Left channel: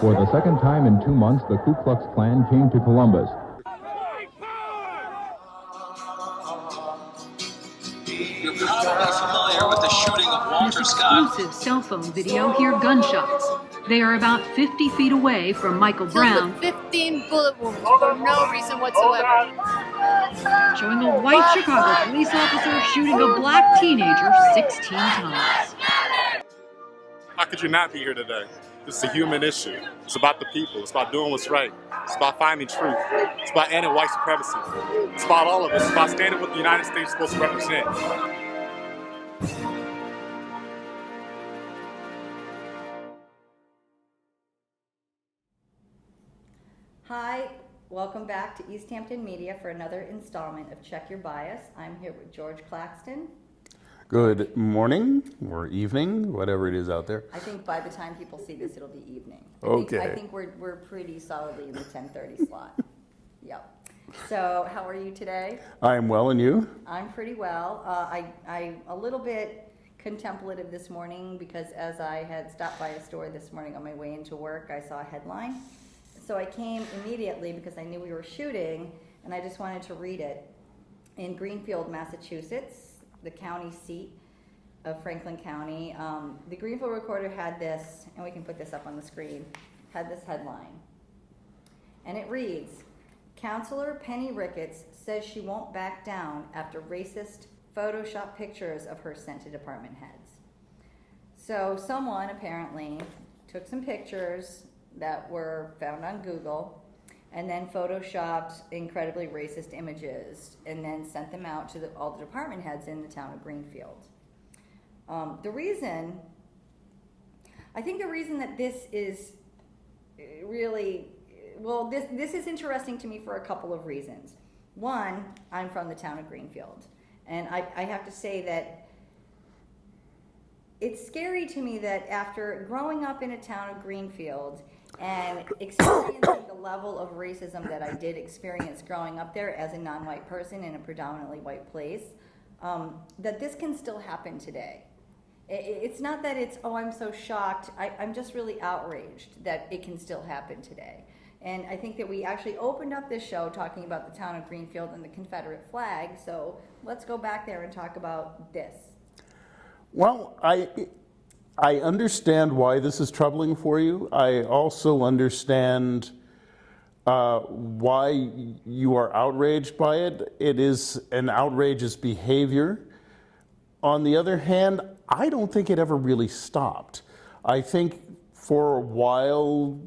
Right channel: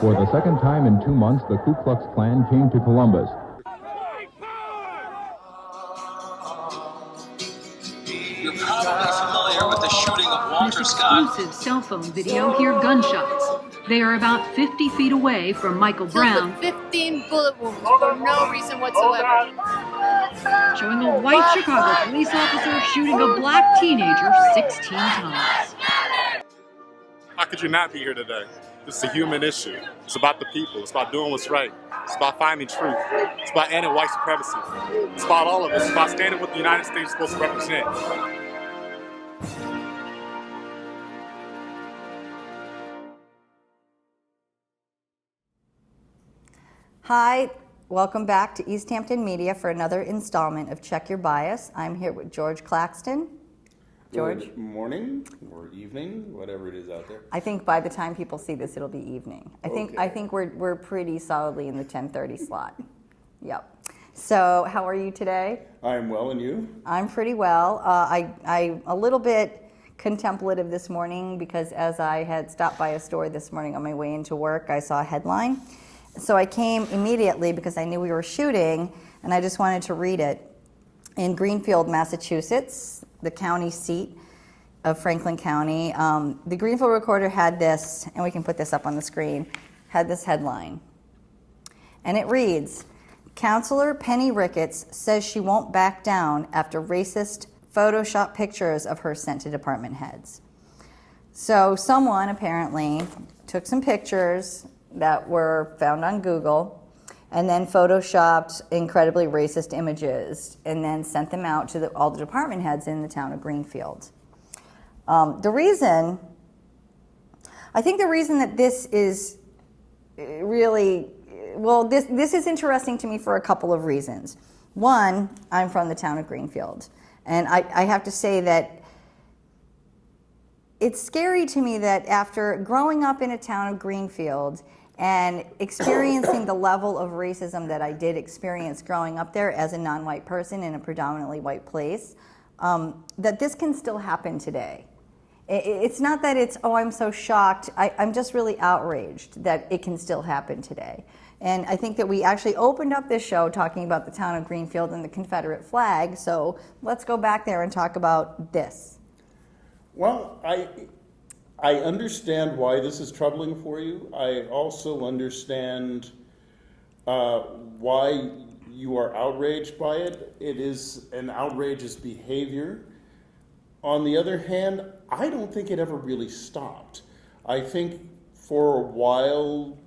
For the second time in 2 months, the Ku Klux Klan came to Columbus. You're probably familiar with the shooting of Walter Scott. Exclusive cell phone video, hear gunshots. They are about 50 feet away from Michael Brown. 15 bullet wounds for no reason whatsoever. Showing a white Chicago police officer shooting a black teenager 16 times. How could you not be here today? This is a human issue. It's about the people. It's about doing what's right. It's about finding truth. It's about ending white supremacy. It's about all of us. It's about standing what the United States is supposed to represent. Hi, welcome back to East Hampton Media for another installment of Check Your Bias. I'm here with George Claxton. Good morning or evening, whatever it is out there. I think by the time people see this, it'll be evening. Okay. I think we're pretty solidly in the 10:30 slot. Yep. So how are you today? I'm well, and you? I'm pretty well. I'm a little bit contemplative this morning because as I had stopped by a store this morning on my way into work, I saw a headline. So I came immediately because I knew we were shooting, and I just wanted to read it. In Greenfield, Massachusetts, the county seat of Franklin County, the Greenfield Recorder had this, and we can put this up on the screen, had this headline. And it reads, Counselor Penny Ricketts says she won't back down after racist Photoshop pictures of her sent to department heads. So someone apparently took some pictures that were found on Google and then photoshopped incredibly racist images and then sent them out to all the department heads in the town of Greenfield. I think the reason that this is really, well, this is interesting to me for a couple of reasons. One, I'm from the town of Greenfield, and I have to say that it's scary to me that after growing up in a town of Greenfield and experiencing the level of racism that I did experience growing up there as a non-white person in a predominantly white place, that this can still happen today. It's not that it's, oh, I'm so shocked. I'm just really outraged that it can still happen today. And I think that we actually opened up this show talking about the town of Greenfield and the Confederate flag, so let's go back there and talk about this. Well, I understand why this is troubling for you. I also understand why you are outraged by it. It is an outrageous behavior. On the other hand, I don't think it ever really stopped. I think for a while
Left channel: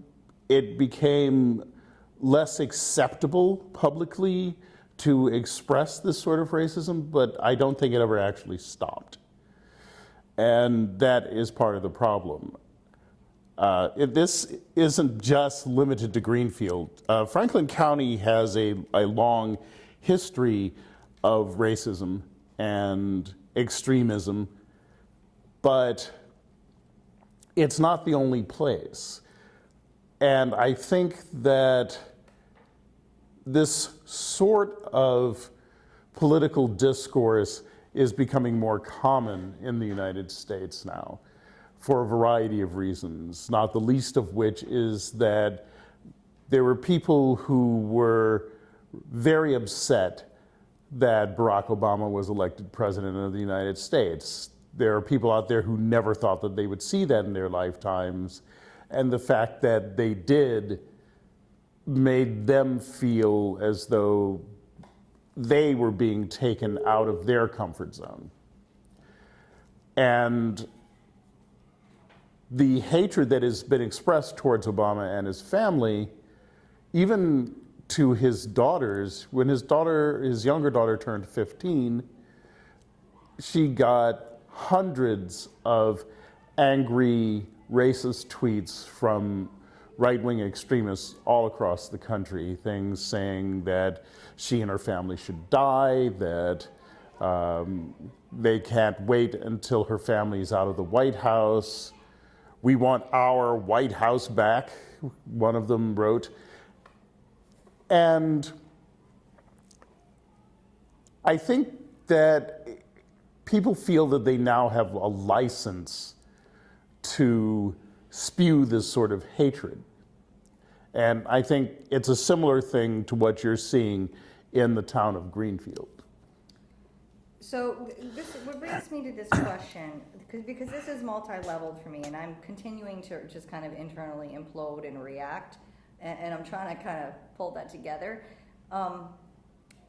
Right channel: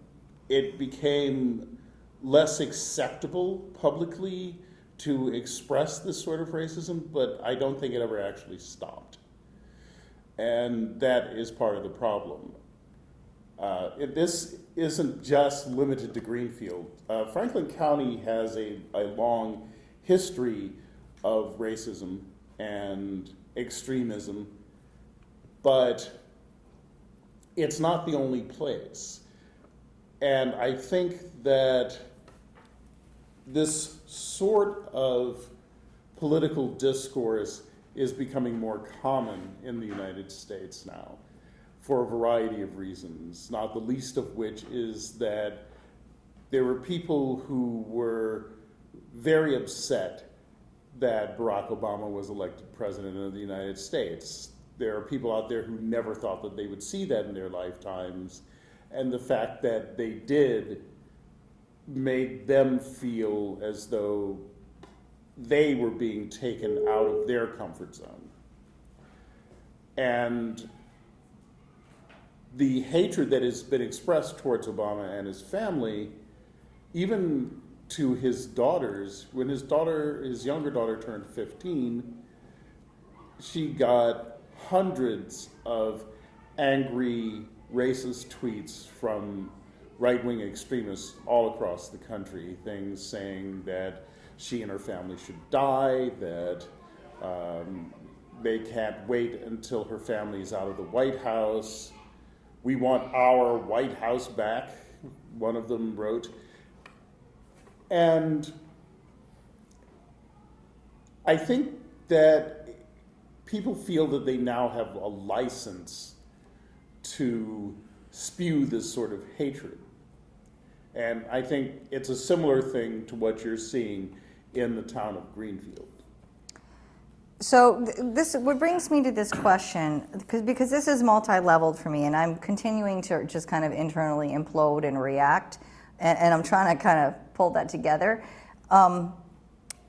it became less acceptable publicly to express this sort of racism, but I don't think it ever actually stopped. And that is part of the problem. This isn't just limited to Greenfield. Franklin County has a long history of racism and extremism, but it's not the only place. And I think that this sort of political discourse is becoming more common in the United States now for a variety of reasons, not the least of which is that there were people who were very upset that Barack Obama was elected president of the United States. There are people out there who never thought that they would see that in their lifetimes, and the fact that they did made them feel as though they were being taken out of their comfort zone. And the hatred that has been expressed towards Obama and his family, even to his daughters, when his younger daughter turned 15, she got hundreds of angry, racist tweets from right-wing extremists all across the country, things saying that she and her family should die, that they can't wait until her family's out of the White House. We want our White House back, one of them wrote. And I think that people feel that they now have a license to spew this sort of hatred. And I think it's a similar thing to what you're seeing in the town of Greenfield. So this what brings me to this question, because this is multi-leveled for me, and I'm continuing to just kind of internally implode and react, and I'm trying to kind of pull that together.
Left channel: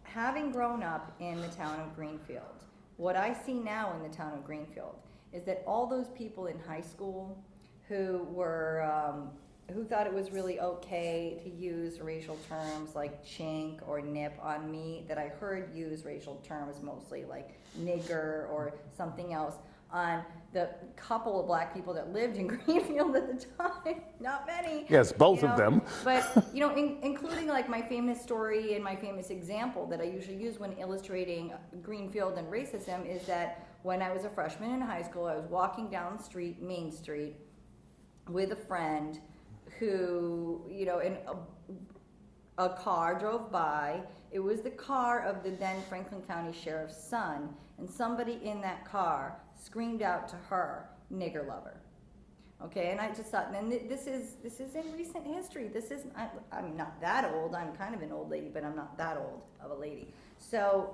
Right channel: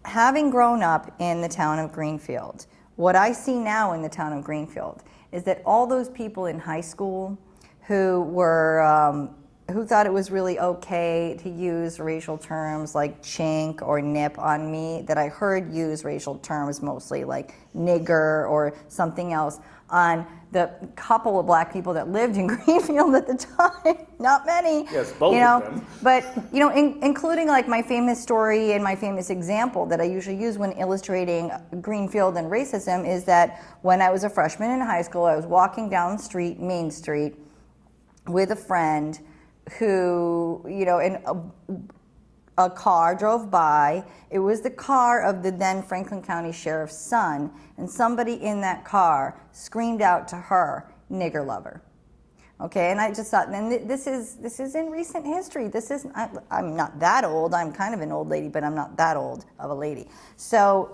Having grown up in the town of Greenfield, what I see now in the town of Greenfield is that all those people in high school who were who thought it was really okay to use racial terms like chink or nip on me, that I heard use racial terms mostly like nigger or something else on the couple of black people that lived in Greenfield at the time. Not many. Yes, both of them. But, including like my famous story and my famous example that I usually use when illustrating Greenfield and racism is that when I was a freshman in high school, I was walking down the street, Main Street, with a friend who, and a car drove by. It was the car of the then Franklin County Sheriff's son, and somebody in that car screamed out to her, "Nigger lover." Okay, and I just thought, and this is in recent history. This is I'm not that old. I'm kind of an old lady, but I'm not that old of a lady. So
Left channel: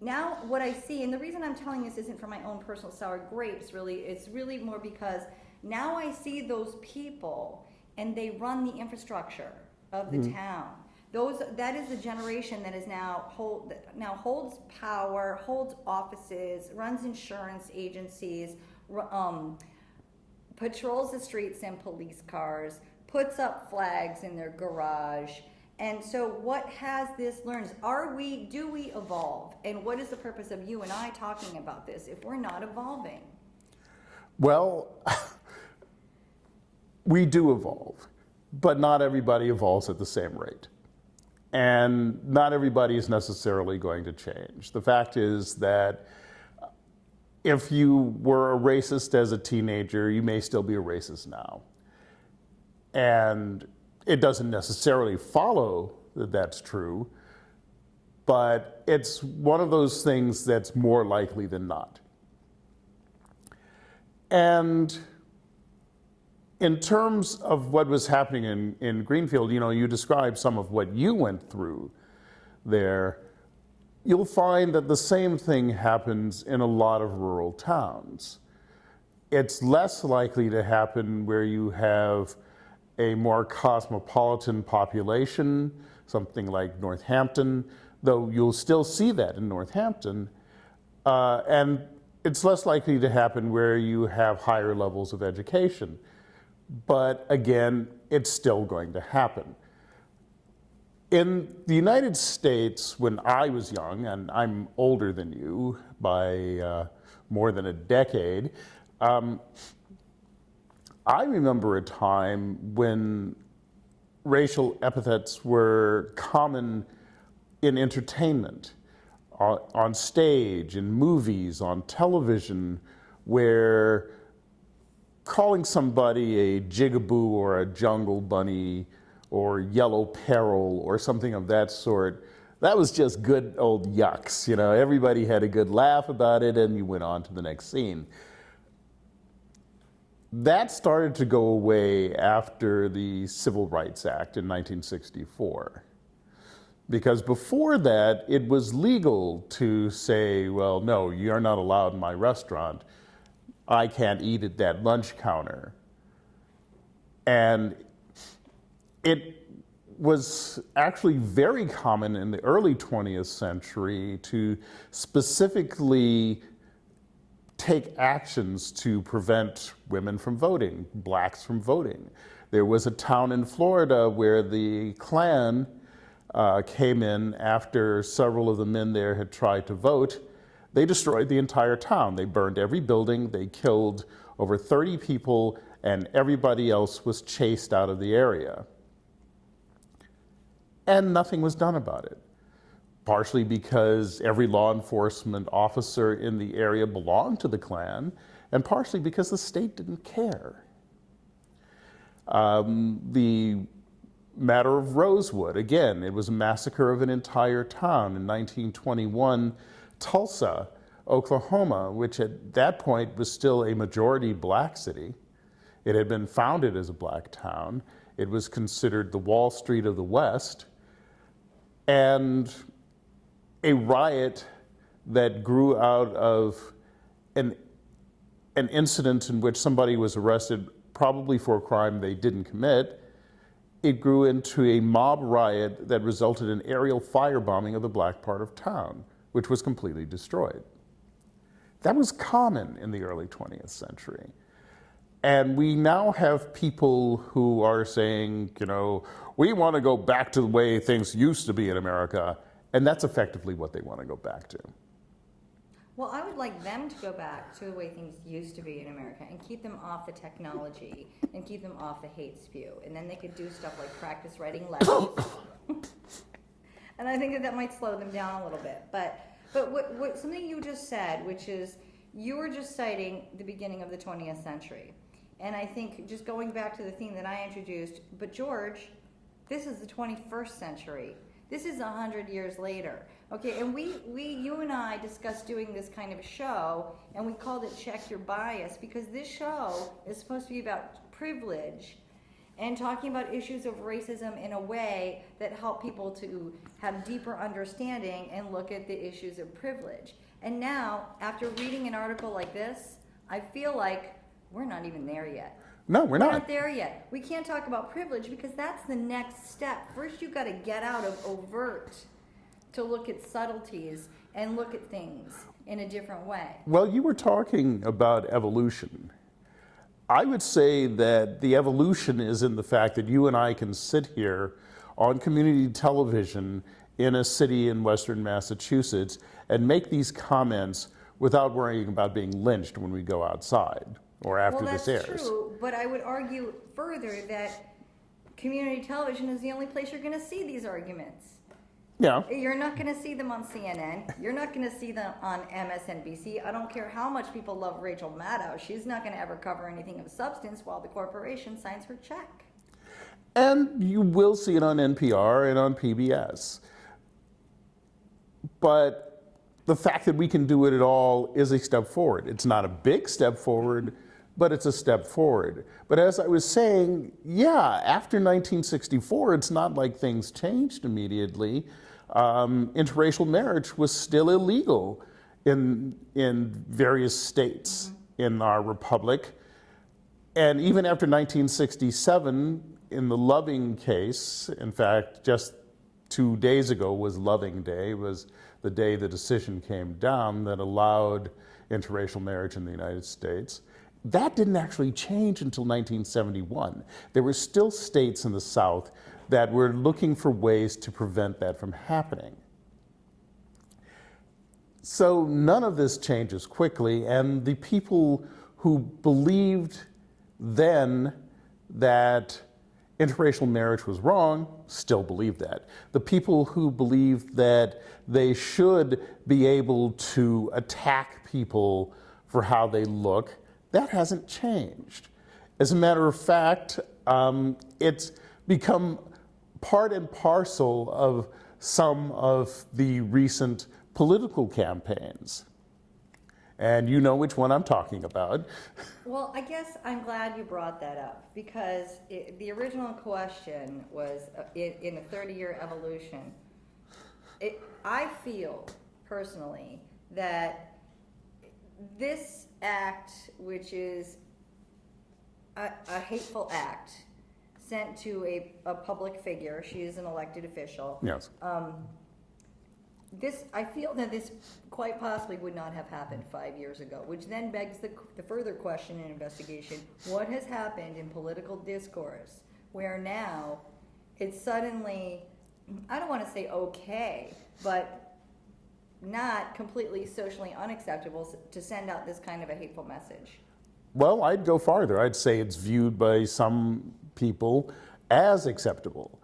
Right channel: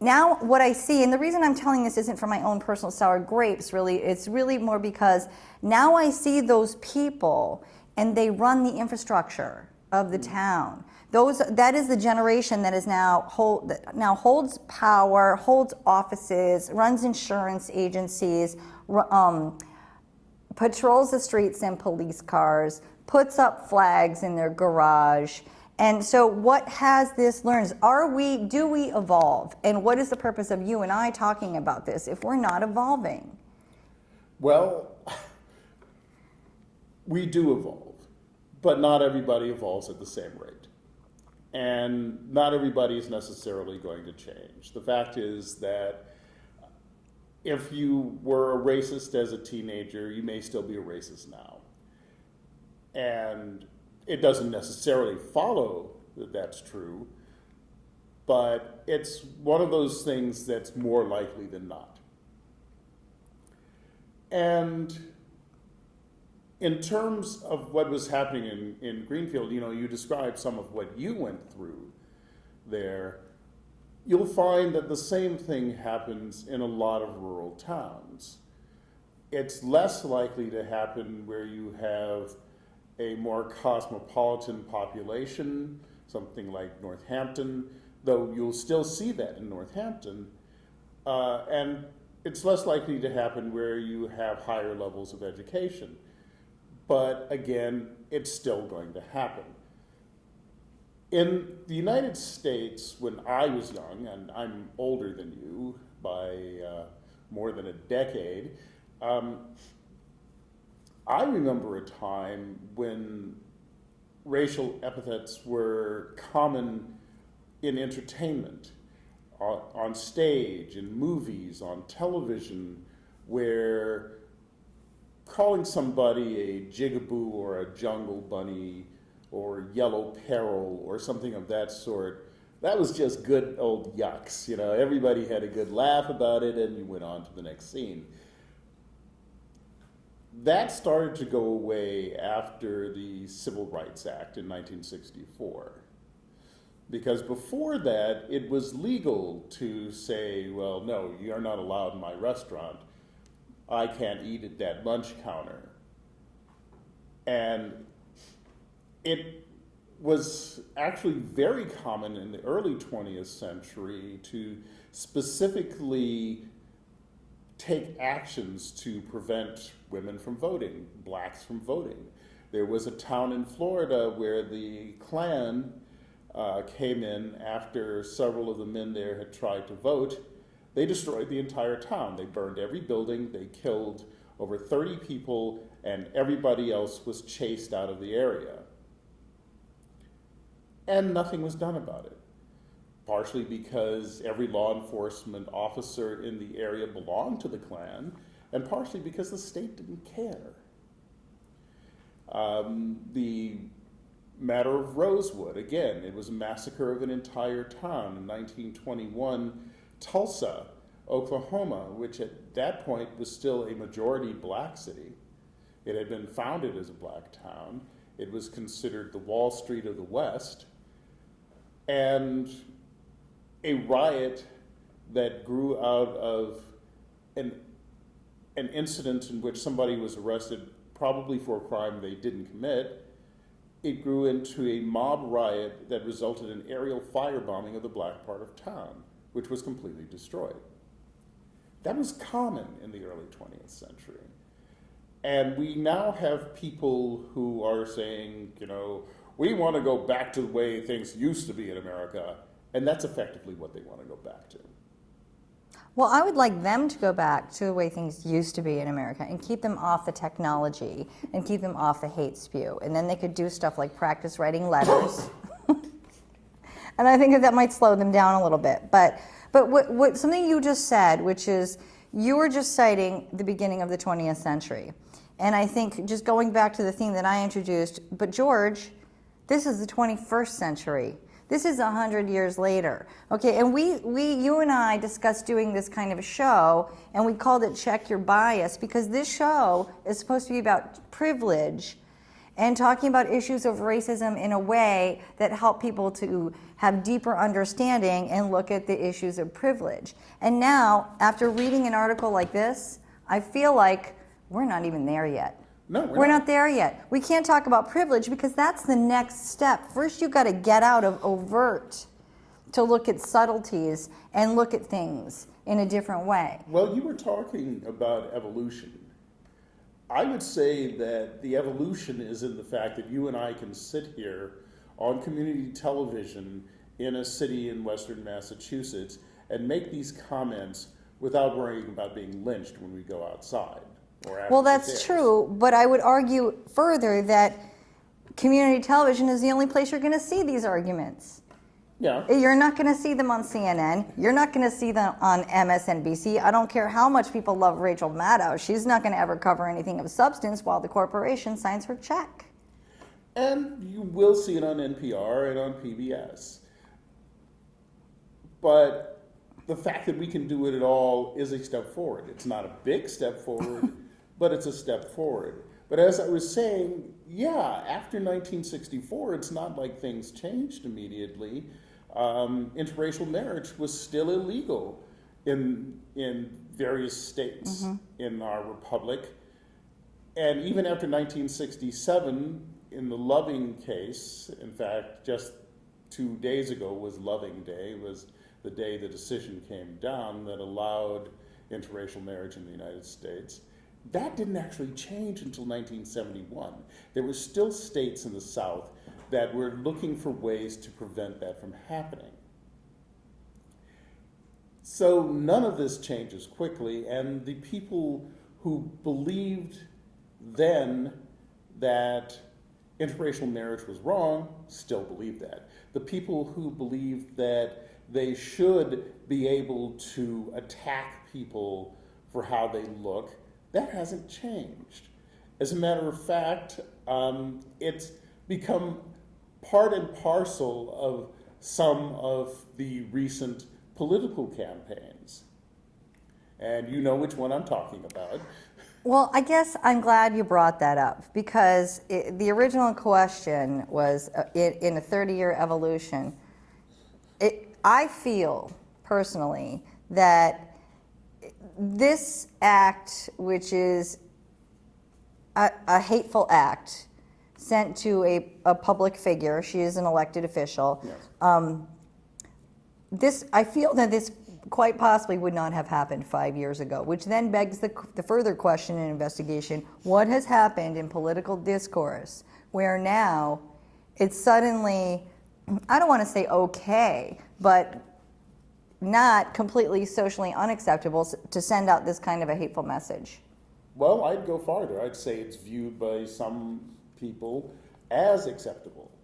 now what I see, and the reason I'm telling this isn't for my own personal sour grapes, really, it's really more because now I see those people and they run the infrastructure of the town. That is the generation that is now holds power, holds offices, runs insurance agencies, patrols the streets in police cars, puts up flags in their garage. And so what has this learned? Do we evolve? And what is the purpose of you and I talking about this if we're not evolving? Well, we do evolve, but not everybody evolves at the same rate. And not everybody is necessarily going to change. The fact is that if you were a racist as a teenager, you may still be a racist now. And it doesn't necessarily follow that that's true, but it's one of those things that's more likely than not. And in terms of what was happening in Greenfield, you described some of what you went through there. You'll find that the same thing happens in a lot of rural towns. It's less likely to happen where you have a more cosmopolitan population, something like Northampton, though you'll still see that in Northampton. And it's less likely to happen where you have higher levels of education. But again, it's still going to happen. In the United States, when I was young, and I'm older than you by more than a decade, I remember a time when racial epithets were common in entertainment, on stage, in movies, on television, where calling somebody a jigaboo or a jungle bunny or yellow peril or something of that sort, that was just good old yucks. Everybody had a good laugh about it and you went on to the next scene. That started to go away after the Civil Rights Act in 1964. Because before that, it was legal to say, well, no, you're not allowed in my restaurant. I can't eat at that lunch counter. And it was actually very common in the early 20th century to specifically take actions to prevent women from voting, blacks from voting. There was a town in Florida where the Klan came in after several of the men there had tried to vote. They destroyed the entire town. They burned every building, they killed over 30 people, and everybody else was chased out of the area. And nothing was done about it. Partially because every law enforcement officer in the area belonged to the Klan, and partially because the state didn't care. The matter of Rosewood, again, it was a massacre of an entire town in 1921. Tulsa, Oklahoma, which at that point was still a majority black city. It had been founded as a black town. It was considered the Wall Street of the West, and a riot that grew out of an incident in which somebody was arrested, probably for a crime they didn't commit. It grew into a mob riot that resulted in aerial firebombing of the black part of town, which was completely destroyed. That was common in the early 20th century. And we now have people who are saying, we want to go back to the way things used to be in America, and that's effectively what they want to go back to. Well, I would like them to go back to the way things used to be in America and keep them off the technology and keep them off the hate spew. And then they could do stuff like practice writing letters. And I think that might slow them down a little bit. But what something you just said, which is you were just citing the beginning of the 20th century. And I think just going back to the theme that I introduced, but George, this is the 21st century. This is 100 years later. Okay, and you and I discussed doing this kind of a show, and we called it Check Your Bias, because this show is supposed to be about privilege and talking about issues of racism in a way that help people to have deeper understanding and look at the issues of privilege. And now, after reading an article like this, I feel like we're not even there yet. No, we're not there yet. We can't talk about privilege because that's the next step. First, you've got to get out of overt to look at subtleties and look at things in a different way. Well, you were talking about evolution. I would say that the evolution is in the fact that you and I can sit here on community television in a city in Western Massachusetts and make these comments without worrying about being lynched when we go outside. Well, that's true, but I would argue further that community television is the only place you're going to see these arguments. Yeah. You're not going to see them on CNN. You're not going to see them on MSNBC. I don't care how much people love Rachel Maddow. She's not going to ever cover anything of substance while the corporation signs her check. And you will see it on NPR and on PBS. But the fact that we can do it at all is a step forward. It's not a big step forward, but it's a step forward. But as I was saying, yeah, after 1964, it's not like things changed immediately. Interracial marriage was still illegal in various states in our republic. And even after 1967, in the Loving case, in fact, just 2 days ago was Loving Day, was the day the decision came down that allowed interracial marriage in the United States. That didn't actually change until 1971. There were still states in the South that were looking for ways to prevent that from happening. So none of this changes quickly, and the people who believed then that interracial marriage was wrong still believe that. The people who believed that they should be able to attack people for how they look, that hasn't changed. As a matter of fact, it's become part and parcel of some of the recent political campaigns. And you know which one I'm talking about. Well, I guess I'm glad you brought that up because the original question was in a 30-year evolution. I feel personally that this act, which is a hateful act sent to a public figure, she is an elected official. Yes. I feel that this quite possibly would not have happened 5 years ago, which then begs the further question and investigation: what has happened in political discourse where now it's suddenly, I don't want to say okay, but not completely socially unacceptable to send out this kind of a hateful message? Well, I'd go farther. I'd say it's viewed by some people as acceptable.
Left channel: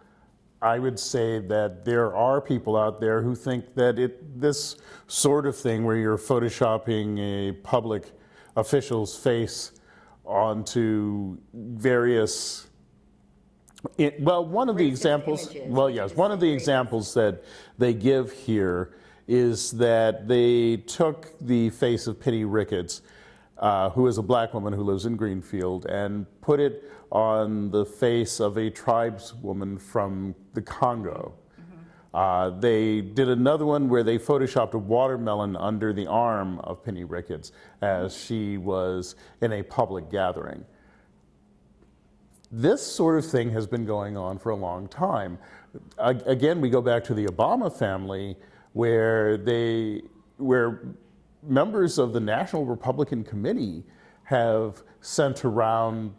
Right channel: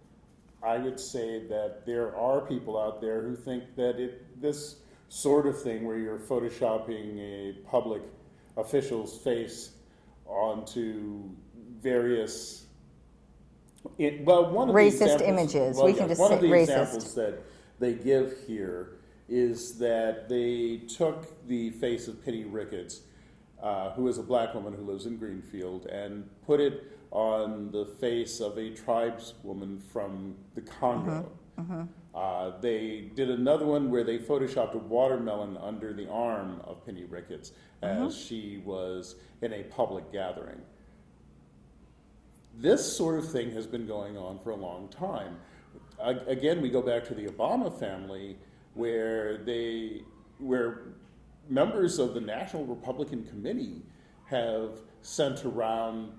I would say that there are people out there who think that this sort of thing where you're photoshopping a public official's face onto various one of racist the examples, images. Well, We can yes, just one say of the racist. examples that they give here is that they took the face of Penny Ricketts, who is a black woman who lives in Greenfield, and put it on the face of a tribeswoman from the Congo. They did another one where they photoshopped a watermelon under the arm of Penny Ricketts as she was in a public gathering. This sort of thing has been going on for a long time. Again, we go back to the Obama family, where members of the National Republican Committee have sent around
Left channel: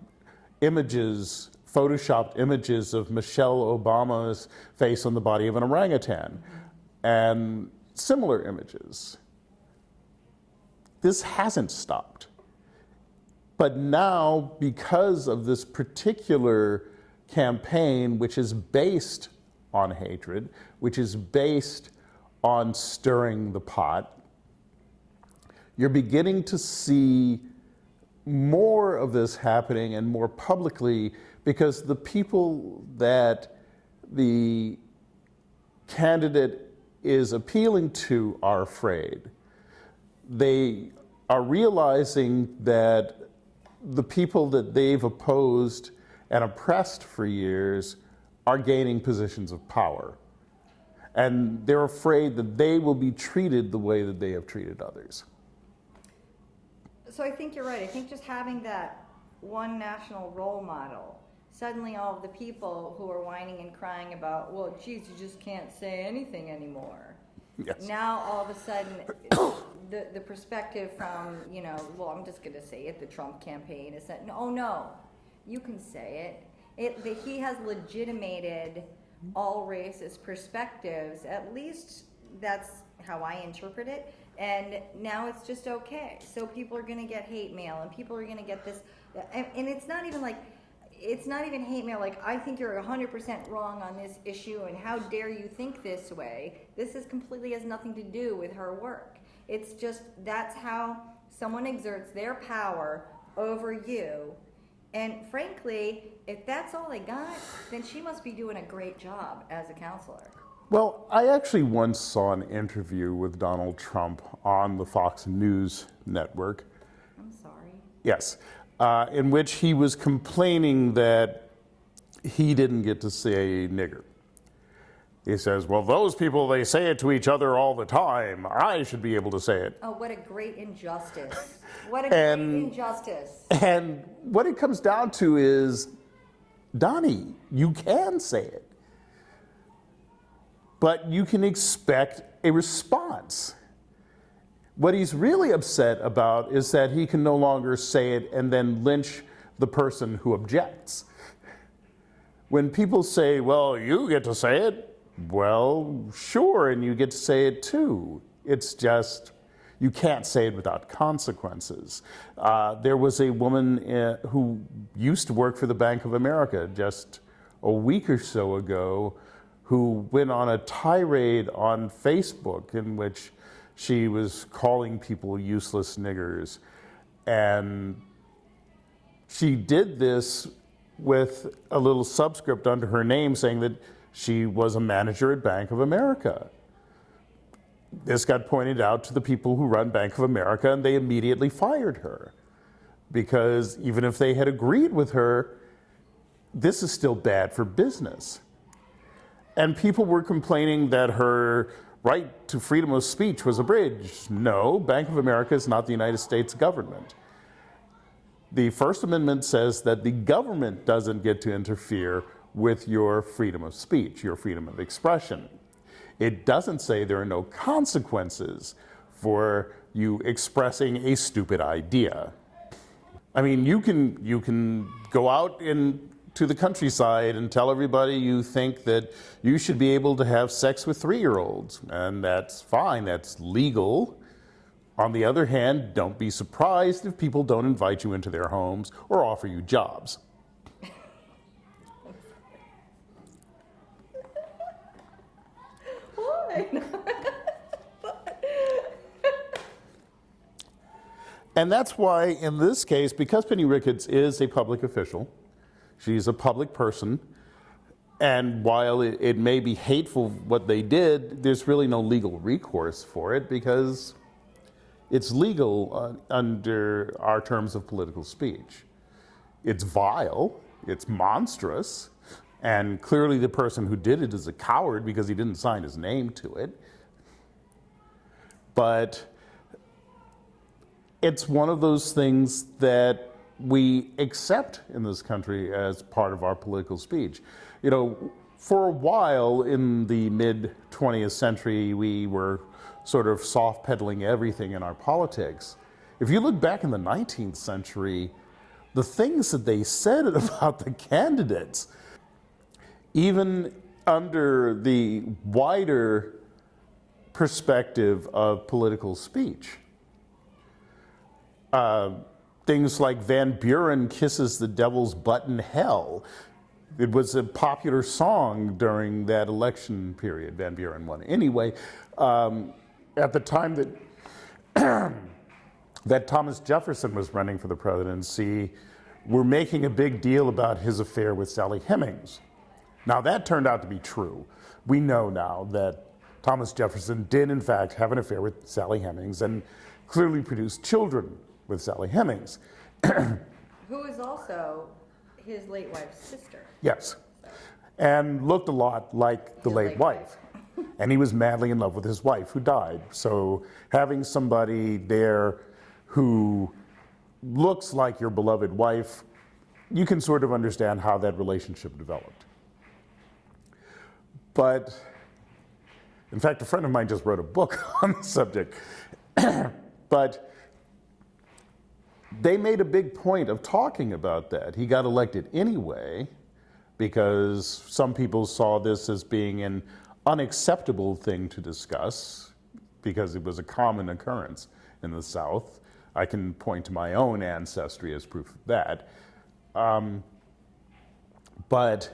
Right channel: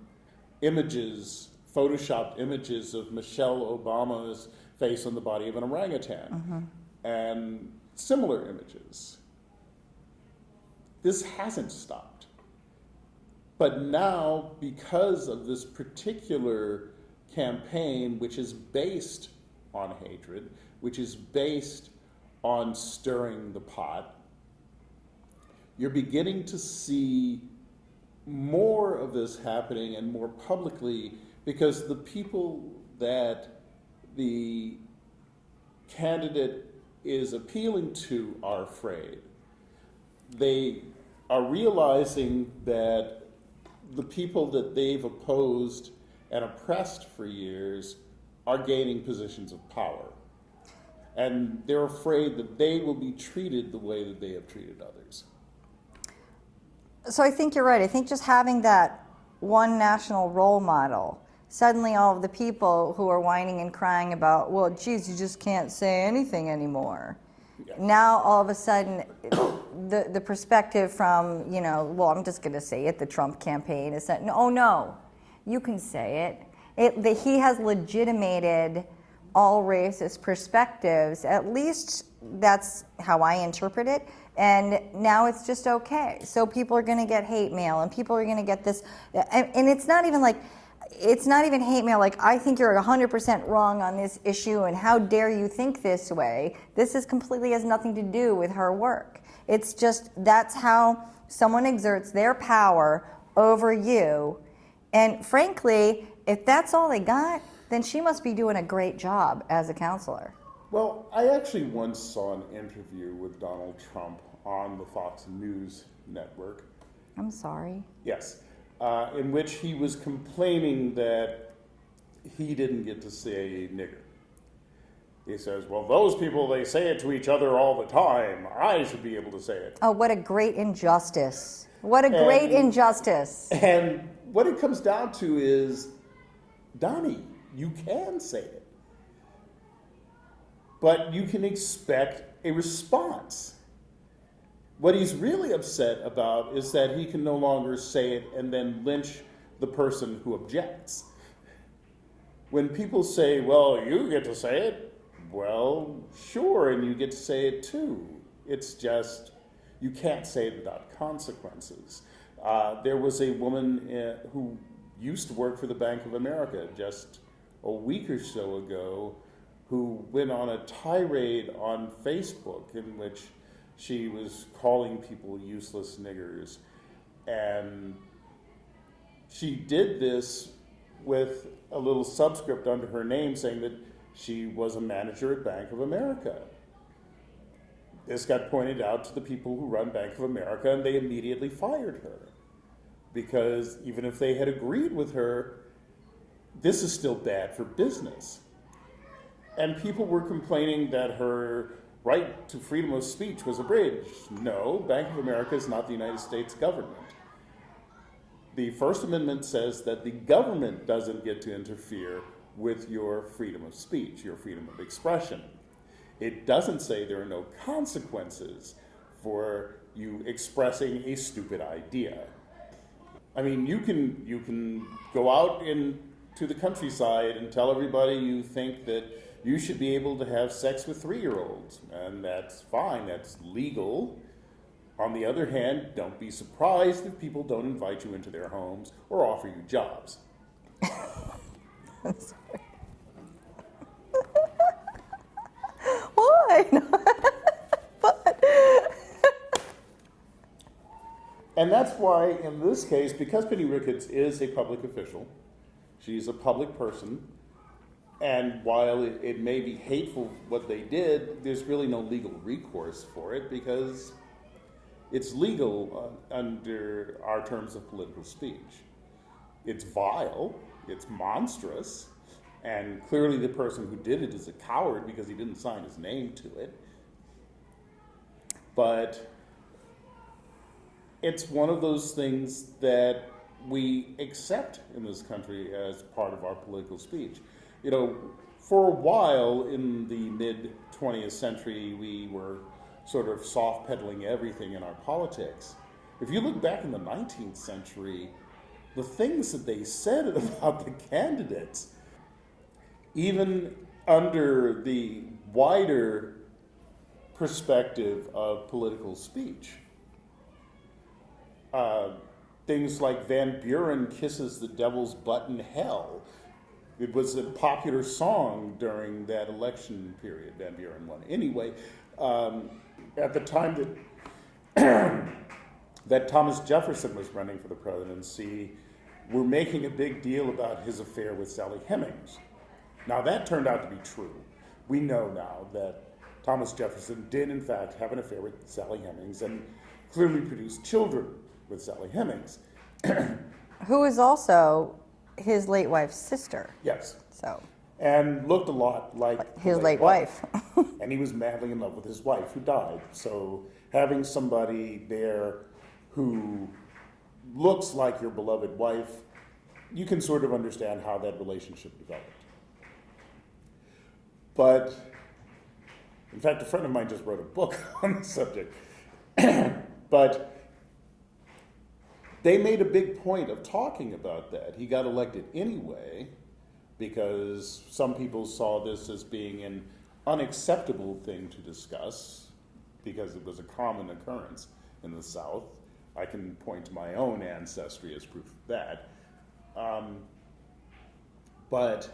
images, photoshopped images of Michelle Obama's face on the body of an orangutan, and similar images. This hasn't stopped. But now, because of this particular campaign, which is based on hatred, which is based on stirring the pot, you're beginning to see more of this happening, and more publicly, because the people that the candidate is appealing to are afraid. They are realizing that the people that they've opposed and oppressed for years are gaining positions of power. And they're afraid that they will be treated the way that they have treated others. So I think you're right. I think just having that one national role model, suddenly all of the people who are whining and crying about, well, geez, you just can't say anything anymore. Yes. Now all of a sudden, the perspective from, well, I'm just going to say it, the Trump campaign is that, no, you can say it. He has legitimated all racist perspectives. At least that's how I interpret it. And now it's just okay. So people are going to get hate mail, and people are going to get this. And it's not even like, it's not even hate mail like, I think you're 100% wrong on this issue, and how dare you think this way. This is completely has nothing to do with her work. It's just, that's how someone exerts their power over you. And frankly, if that's all they got, then she must be doing a great job as a counselor. Well, I actually once saw an interview with Donald Trump on the Fox News network. I'm sorry. Yes, in which he was complaining that he didn't get to say nigger. He says, well, those people, they say it to each other all the time. I should be able to say it. Oh, what a great injustice. What a great injustice. And what it comes down to is, Donnie, you can say it. But you can expect a response. What he's really upset about is that he can no longer say it and then lynch the person who objects. When people say, well, you get to say it, well, sure, and you get to say it too. It's just, you can't say it without consequences. There was a woman who used to work for the Bank of America just a week or so ago, who went on a tirade on Facebook in which she was calling people useless niggers. And she did this with a little subscript under her name saying that she was a manager at Bank of America. This got pointed out to the people who run Bank of America, and they immediately fired her. Because even if they had agreed with her, this is still bad for business. And people were complaining that her right to freedom of speech was abridged. No, Bank of America is not the United States government. The First Amendment says that the government doesn't get to interfere with your freedom of speech, your freedom of expression. It doesn't say there are no consequences for you expressing a stupid idea. I mean, you can go out to the countryside and tell everybody you think that you should be able to have sex with 3-year-olds, and that's fine, that's legal. On the other hand, don't be surprised if people don't invite you into their homes or offer you jobs. Why? But And that's why, in this case, because Penny Ricketts is a public official, she's a public person, and while it may be hateful what they did, there's really no legal recourse for it because It's legal under our terms of political speech. It's vile, it's monstrous, and clearly the person who did it is a coward because he didn't sign his name to it. But it's one of those things that we accept in this country as part of our political speech. You know, for a while in the mid-20th century, we were sort of soft-pedaling everything in our politics. If you look back in the 19th century, the things that they said about the candidates, even under the wider perspective of political speech, things like Van Buren kisses the devil's butt in hell. It was a popular song during that election period. Van Buren won. Anyway, at the time that that Thomas Jefferson was running for the presidency, we're making a big deal about his affair with Sally Hemings. Now that turned out to be true. We know now that Thomas Jefferson did in fact have an affair with Sally Hemings and clearly produced children with Sally Hemings. Who is also his late wife's sister. Yes. So. And looked a lot like the His late late wife. wife. And he was madly in love with his wife, who died. So having somebody there who looks like your beloved wife, you can sort of understand how that relationship developed. But, in fact, a friend of mine just wrote a book on the subject. But they made a big point of talking about that. He got elected anyway because some people saw this as being an unacceptable thing to discuss because it was a common occurrence in the South. I can point to my own ancestry as proof of that. But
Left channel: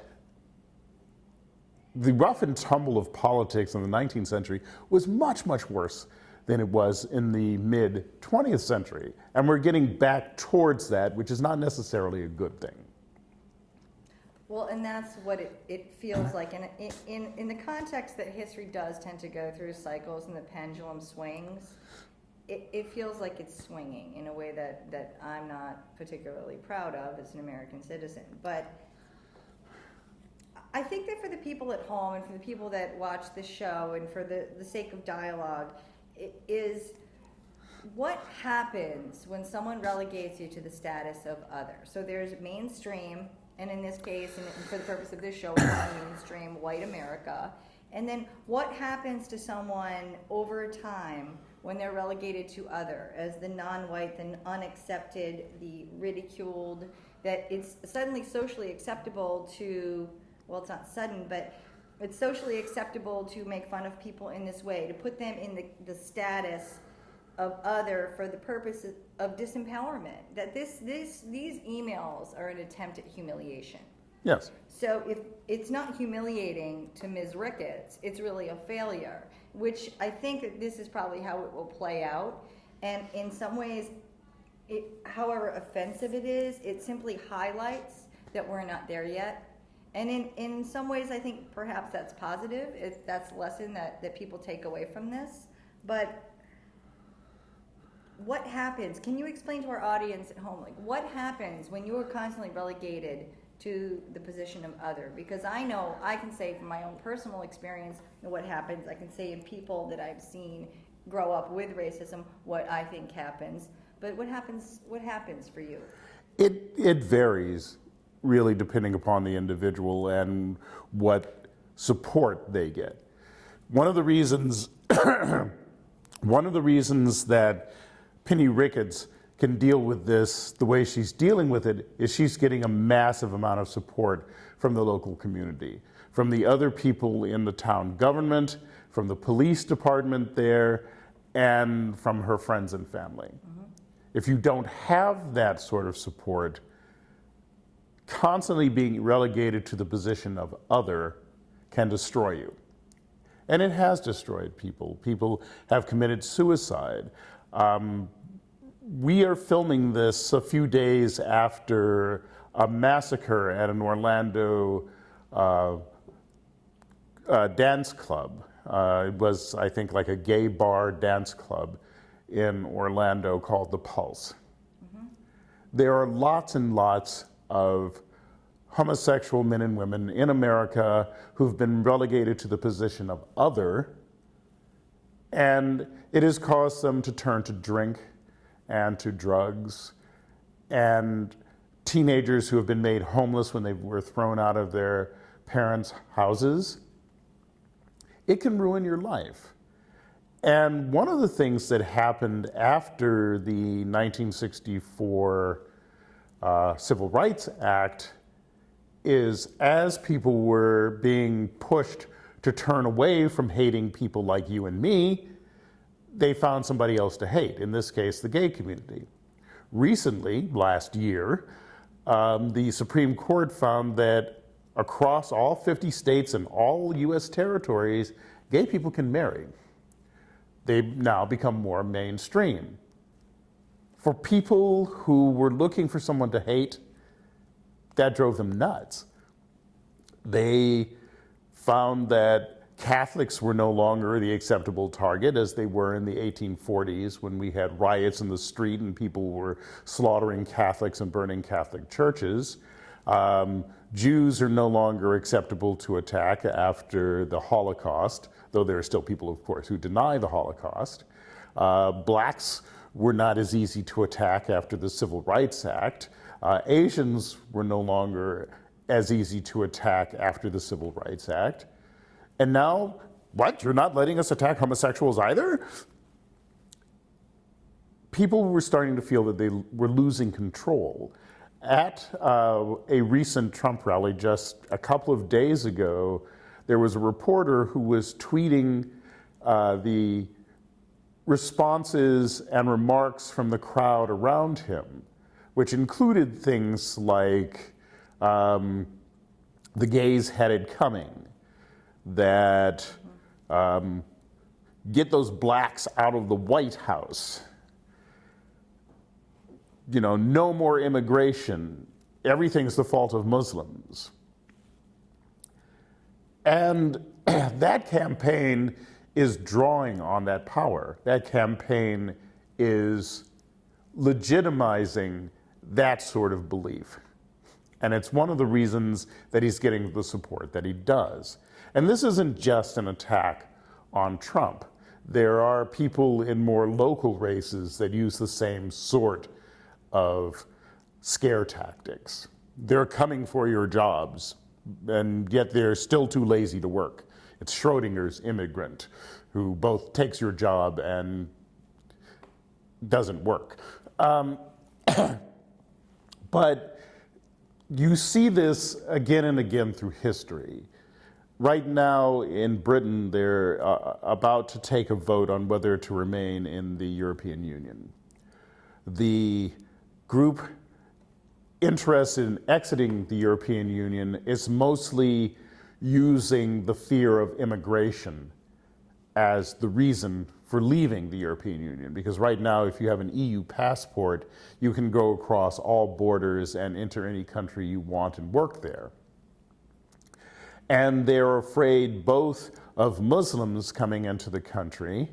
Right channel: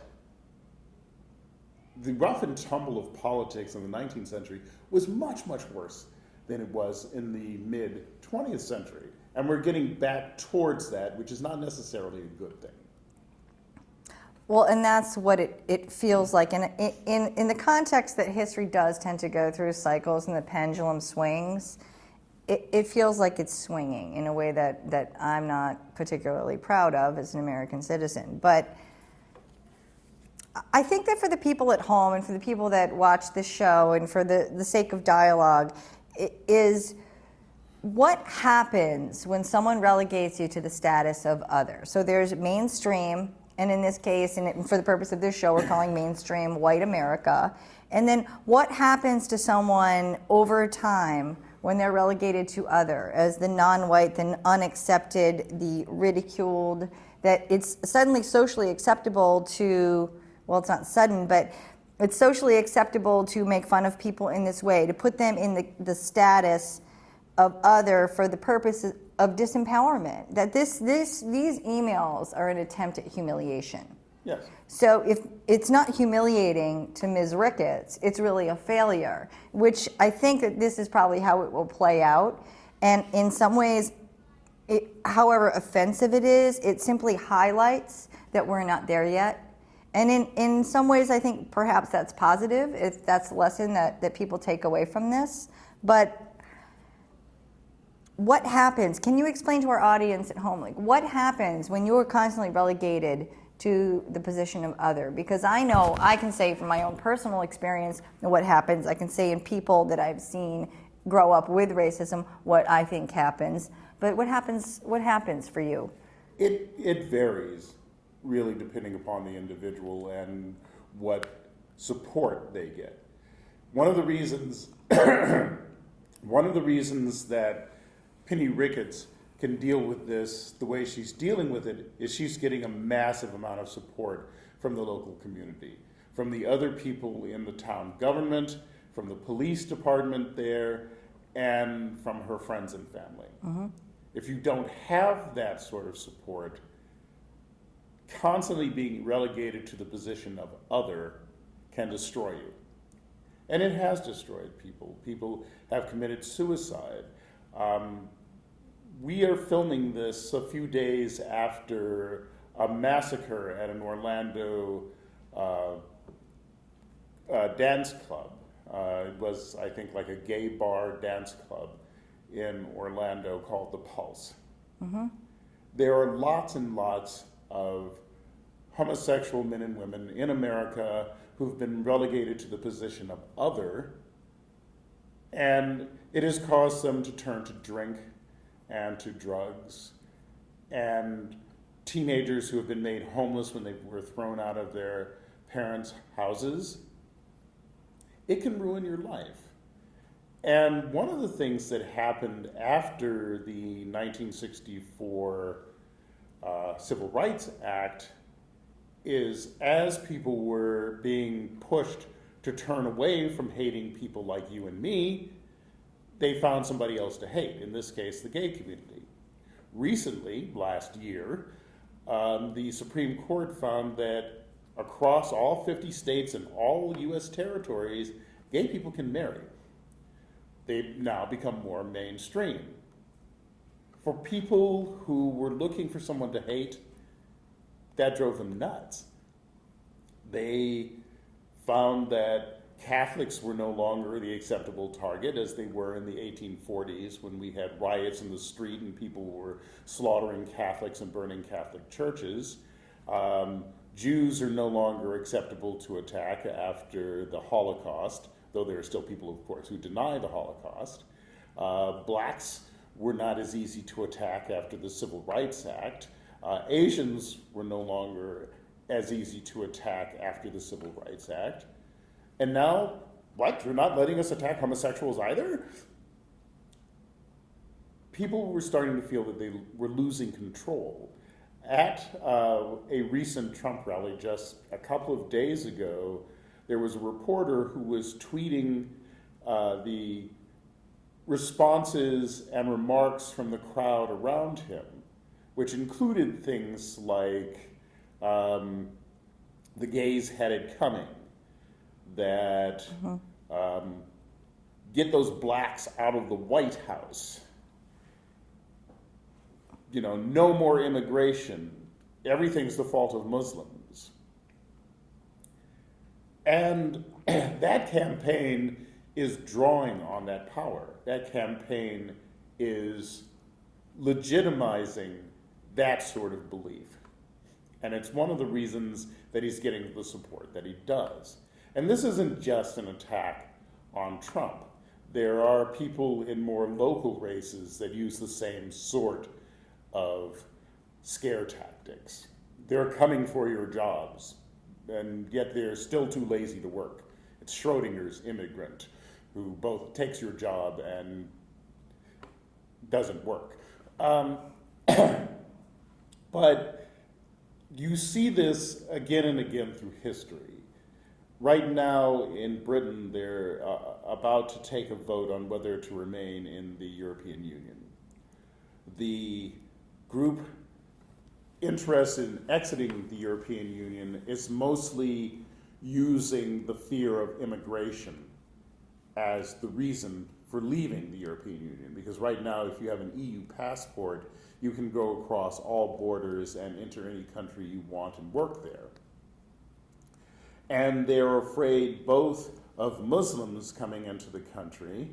the rough and tumble of politics in the 19th century was much, much worse than it was in the mid-20th century. And we're getting back towards that, which is not necessarily a good thing. Well, and that's what it feels like. And in the context that history does tend to go through cycles and the pendulum swings, it feels like it's swinging in a way that I'm not particularly proud of as an American citizen. But I think that for the people at home and for the people that watch this show and for the sake of dialogue, is what happens when someone relegates you to the status of other. So there's mainstream, and in this case, and for the purpose of this show, we're calling mainstream white America. And then what happens to someone over time when they're relegated to other, as the non-white, the unaccepted, the ridiculed, that it's suddenly socially acceptable to, well, it's not sudden, but it's socially acceptable to make fun of people in this way, to put them in the status of other for the purpose of disempowerment. That these emails are an attempt at humiliation. Yes. So if it's not humiliating to Ms. Ricketts, it's really a failure, which I think that this is probably how it will play out. And in some ways, however offensive it is, it simply highlights that we're not there yet. And in some ways, I think perhaps that's positive, if that's a lesson that people take away from this. But what happens? Can you explain to our audience at home, like what happens when you're constantly relegated to the position of other? Because I know I can say from my own personal experience what happens. I can say in people that I've seen grow up with racism what I think happens. But what happens for you? It varies, really, depending upon the individual and what support they get. One of the reasons that Penny Ricketts can deal with this the way she's dealing with it is she's getting a massive amount of support from the local community, from the other people in the town government, from the police department there, and from her friends and family. Mm-hmm. If you don't have that sort of support, constantly being relegated to the position of other can destroy you. And it has destroyed people. People have committed suicide. We are filming this a few days after a massacre at an Orlando dance club. It was, I think, like a gay bar dance club in Orlando called The Pulse. There are lots and lots of homosexual men and women in America who've been relegated to the position of other, and it has caused them to turn to drink and to drugs, and teenagers who have been made homeless when they were thrown out of their parents' houses. It can ruin your life. And one of the things that happened after the 1964 Civil Rights Act is, as people were being pushed to turn away from hating people like you and me, they found somebody else to hate, in this case, the gay community. Recently, last year, the Supreme Court found that across all 50 states and all U.S. territories, gay people can marry. They've now become more mainstream. For people who were looking for someone to hate, that drove them nuts. They found that Catholics were no longer the acceptable target as they were in the 1840s when we had riots in the street and people were slaughtering Catholics and burning Catholic churches. Jews are no longer acceptable to attack after the Holocaust, though there are still people, of course, who deny the Holocaust. Blacks were not as easy to attack after the Civil Rights Act. Asians were no longer as easy to attack after the Civil Rights Act. And now, what? You're not letting us attack homosexuals either? People were starting to feel that they were losing control. At a recent Trump rally just a couple of days ago, there was a reporter who was tweeting the responses and remarks from the crowd around him, which included things like the gays had it coming, that get those blacks out of the White House, you know, no more immigration, everything's the fault of Muslims. And that campaign is drawing on that power. That campaign is legitimizing that sort of belief. And it's one of the reasons that he's getting the support that he does. And this isn't just an attack on Trump. There are people in more local races that use the same sort of scare tactics. They're coming for your jobs, and yet they're still too lazy to work. It's Schrodinger's immigrant, who both takes your job and doesn't work. But you see this again and again through history. Right now in Britain, they're about to take a vote on whether to remain in the European Union. The group interested in exiting the European Union is mostly using the fear of immigration as the reason for leaving the European Union. Because right now, if you have an EU passport, you can go across all borders and enter any country you want and work there. And they're afraid both of Muslims coming into the country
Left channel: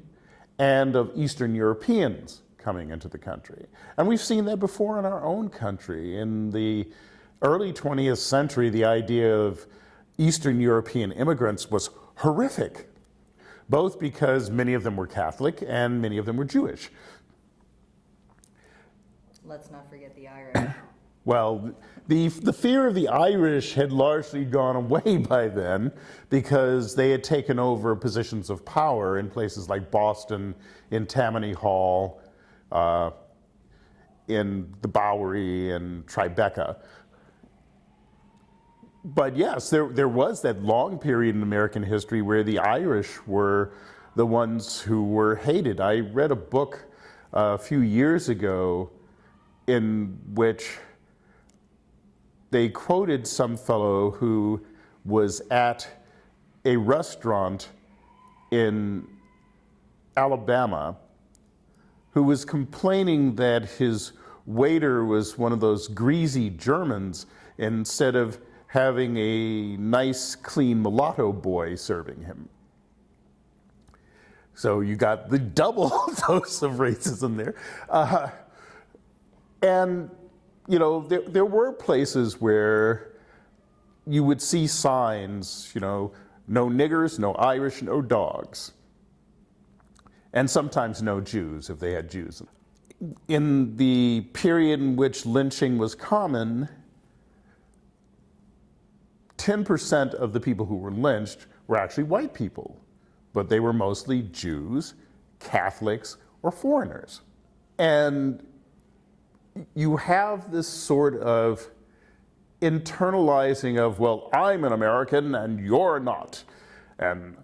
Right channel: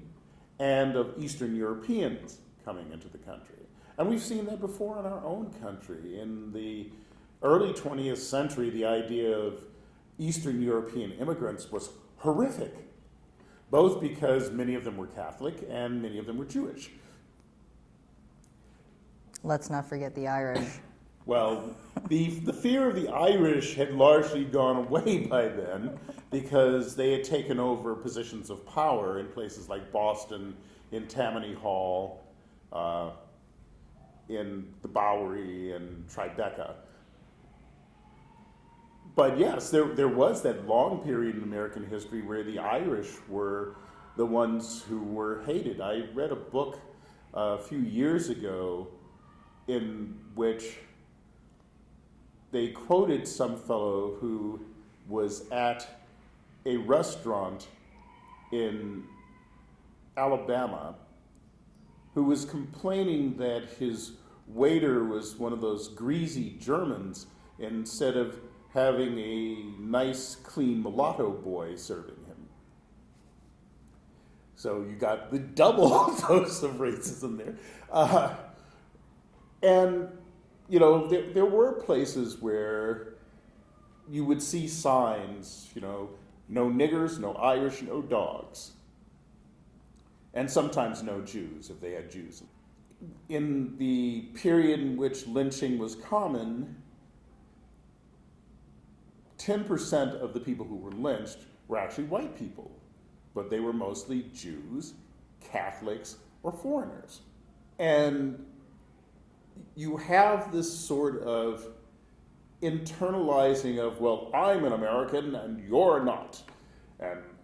and of Eastern Europeans coming into the country. And we've seen that before in our own country. In the early 20th century, the idea of Eastern European immigrants was horrific, both because many of them were Catholic and many of them were Jewish. Let's not forget the Irish. Well, the fear of the Irish had largely gone away by then because they had taken over positions of power in places like Boston, in Tammany Hall, in the Bowery and Tribeca. But yes, there was that long period in American history where the Irish were the ones who were hated. I read a book a few years ago in which they quoted some fellow who was at a restaurant in Alabama who was complaining that his waiter was one of those greasy Germans instead of having a nice, clean mulatto boy serving him. So you got the double dose of racism there. And, you know, there were places where you would see signs, you know, no niggers, no Irish, no dogs. And sometimes no Jews, if they had Jews. In the period in which lynching was common, 10% of the people who were lynched were actually white people, but they were mostly Jews, Catholics, or foreigners. And you have this sort of internalizing of, well, I'm an American and you're not. And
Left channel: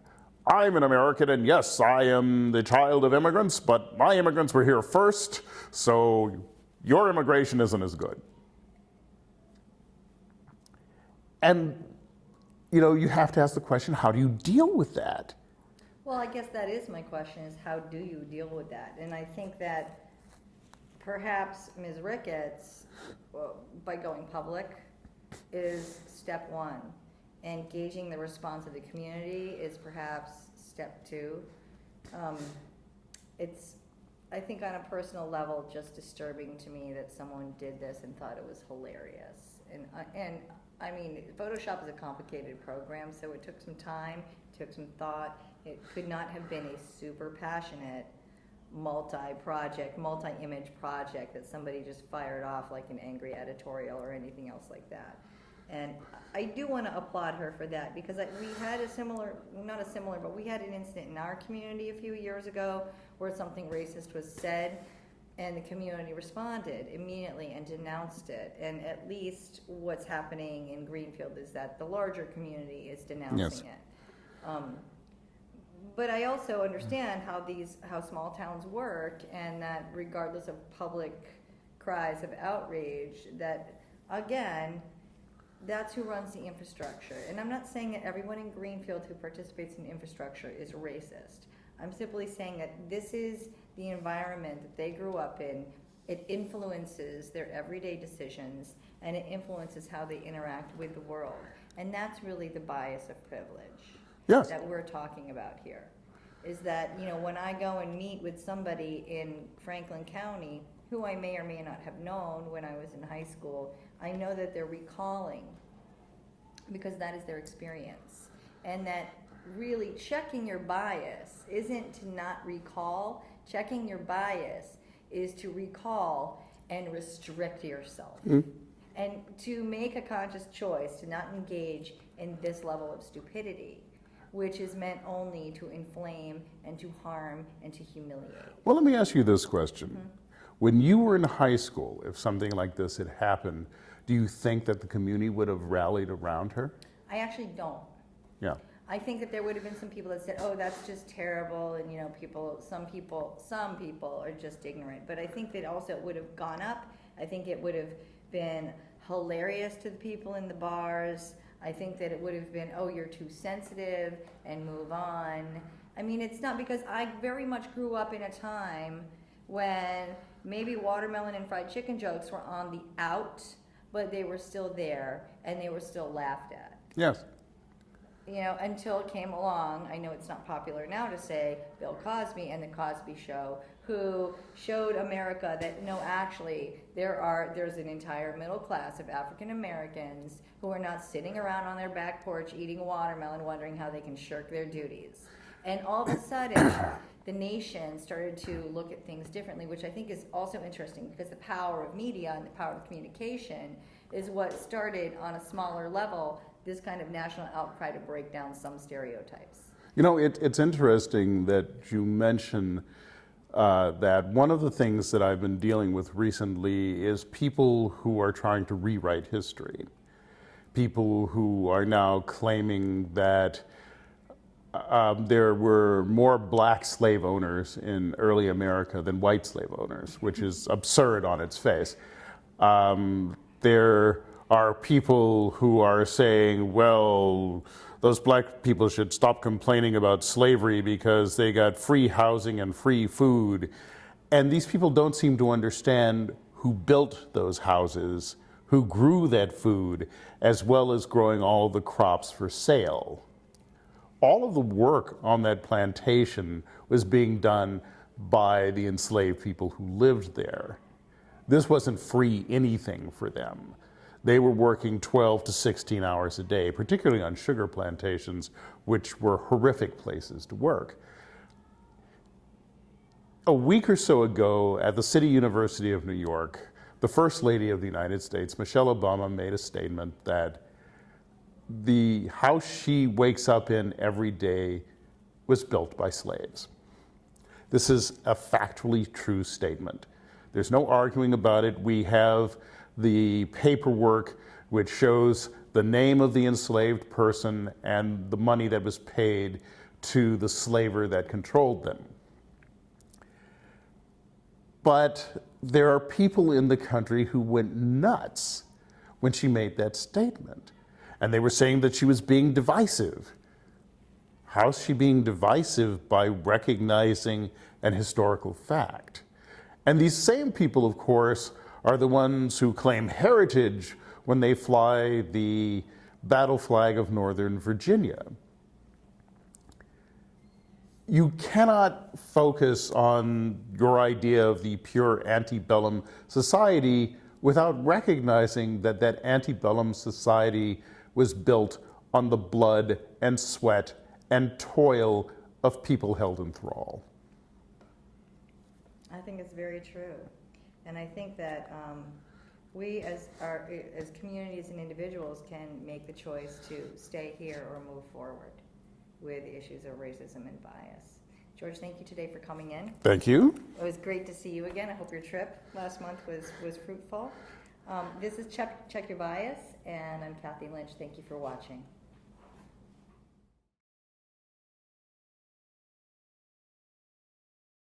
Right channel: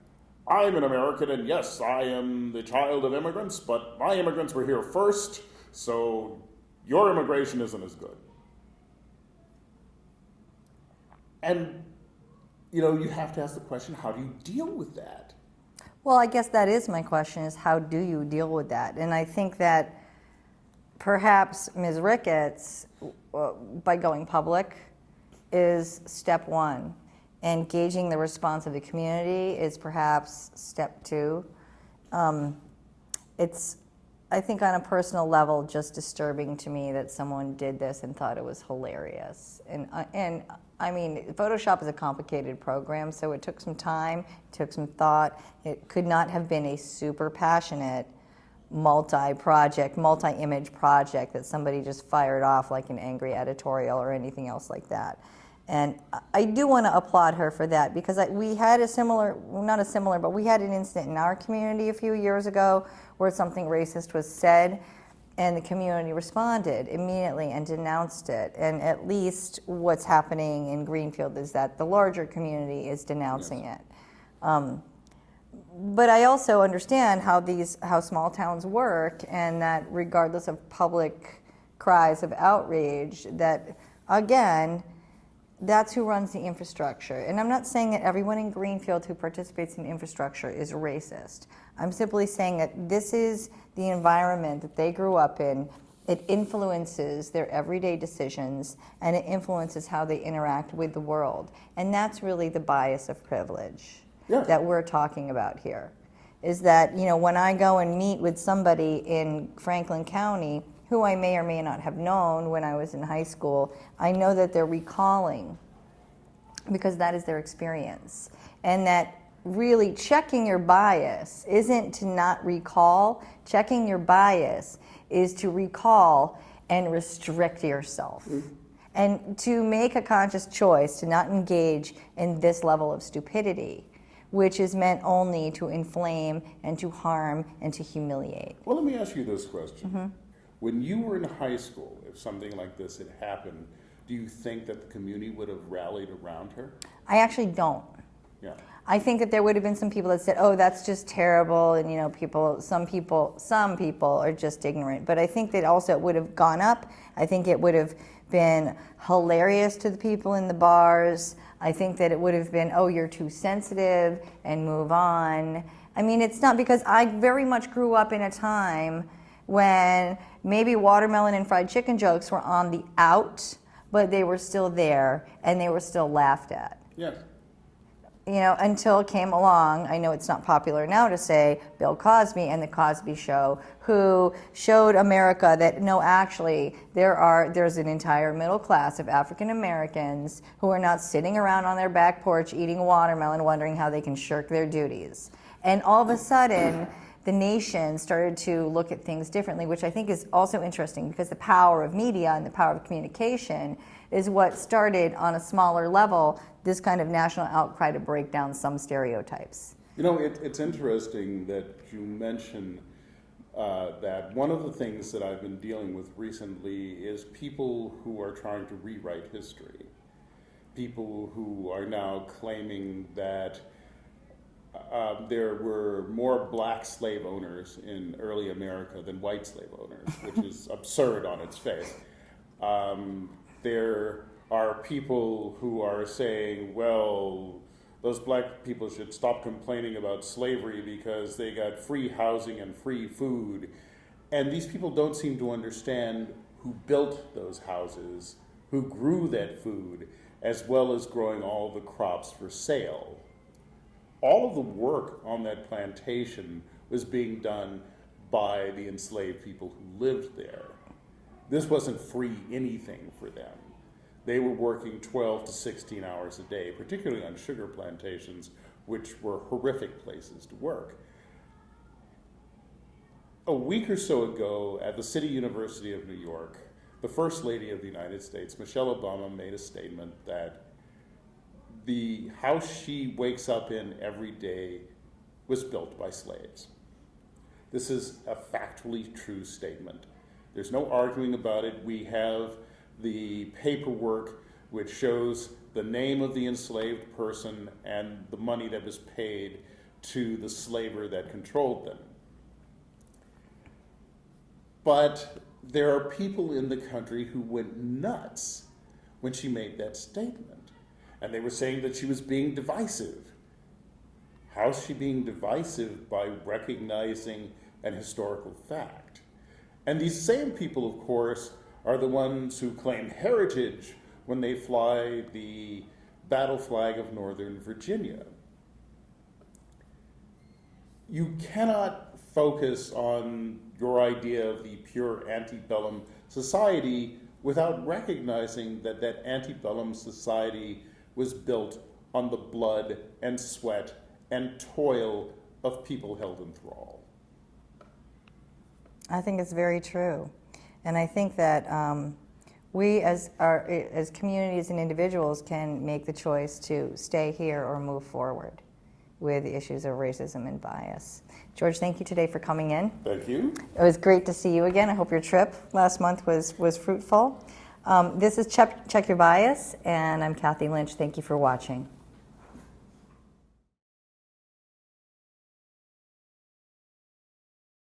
I'm an American and yes, I am the child of immigrants, but my immigrants were here first, so your immigration isn't as good. And, you know, you have to ask the question, how do you deal with that? Well, I guess that is my question, is how do you deal with that? And I think that perhaps Ms. Ricketts, by going public, is step one. Engaging the response of the community is perhaps step two. It's, I think on a personal level, just disturbing to me that someone did this and thought it was hilarious. And I mean, Photoshop is a complicated program, so it took some time, it took some thought. It could not have been a super passionate multi-project, multi-image project that somebody just fired off like an angry editorial or anything else like that. And I do want to applaud her for that, because we had a similar, not a similar, but we had an incident in our community a few years ago where something racist was said, and the community responded immediately and denounced it. And at least what's happening in Greenfield is that the larger community is denouncing Yes. it. But I also understand how small towns work, and that regardless of public cries of outrage, that again, that's who runs the infrastructure. And I'm not saying that everyone in Greenfield who participates in infrastructure is racist. I'm simply saying that this is the environment that they grew up in. It influences their everyday decisions, and it influences how they interact with the world. And that's really the bias of privilege that we're talking about here. Is that, you know, when I go and meet with somebody in Franklin County who I may or may not have known when I was in high school, I know that they're recalling because that is their experience. And that really checking your bias isn't to not recall. Checking your bias is to recall and restrict yourself. And to make a conscious choice to not engage in this level of stupidity, which is meant only to inflame and to harm and to humiliate. Well, let me ask you this question. When you were in high school, if something like this had happened, do you think that the community would have rallied around her? I actually don't. Yeah. I think that there would have been some people that said, "Oh, that's just terrible," and you know, some people are just ignorant. But I think that also it would have gone up. I think it would have been hilarious to the people in the bars. I think that it would have been, "Oh, you're too sensitive," and move on. I mean, it's not, because I very much grew up in a time when maybe watermelon and fried chicken jokes were on the out, but they were still there and they were still laughed at. Yes. You know, until it came along, I know it's not popular now to say, Bill Cosby and the Cosby Show, who showed America that no, actually, there's an entire middle class of African Americans who are not sitting around on their back porch eating watermelon wondering how they can shirk their duties. And all of a sudden, the nation started to look at things differently, which I think is also interesting, because the power of media and the power of communication is what started on a smaller level this kind of national outcry to break down some stereotypes. You know, it's interesting that you mention that one of the things that I've been dealing with recently is people who are trying to rewrite history. People who are now claiming that there were more black slave owners in early America than white slave owners, which is absurd on its face. There are people who are saying, well, those black people should stop complaining about slavery because they got free housing and free food. And these people don't seem to understand who built those houses, who grew that food, as well as growing all the crops for sale. All of the work on that plantation was being done by the enslaved people who lived there. This wasn't free anything for them. They were working 12 to 16 hours a day, particularly on sugar plantations, which were horrific places to work. A week or so ago at the City University of New York, the First Lady of the United States, Michelle Obama, made a statement that the house she wakes up in every day was built by slaves. This is a factually true statement. There's no arguing about it. We have the paperwork which shows the name of the enslaved person and the money that was paid to the slaver that controlled them. But there are people in the country who went nuts when she made that statement. And they were saying that she was being divisive. How's she being divisive? By recognizing an historical fact. And these same people, of course, are the ones who claim heritage when they fly the battle flag of Northern Virginia. You cannot focus on your idea of the pure antebellum society without recognizing that that antebellum society was built on the blood and sweat and toil of people held in thrall. I think it's very true. And I think that we as communities and individuals can make the choice to stay here or move forward with the issues of racism and bias. George, thank you today for coming in. Thank you. It was great to see you again. I hope your trip last month was fruitful. This is Check Your Bias, and I'm Kathy Lynch. Thank you for watching.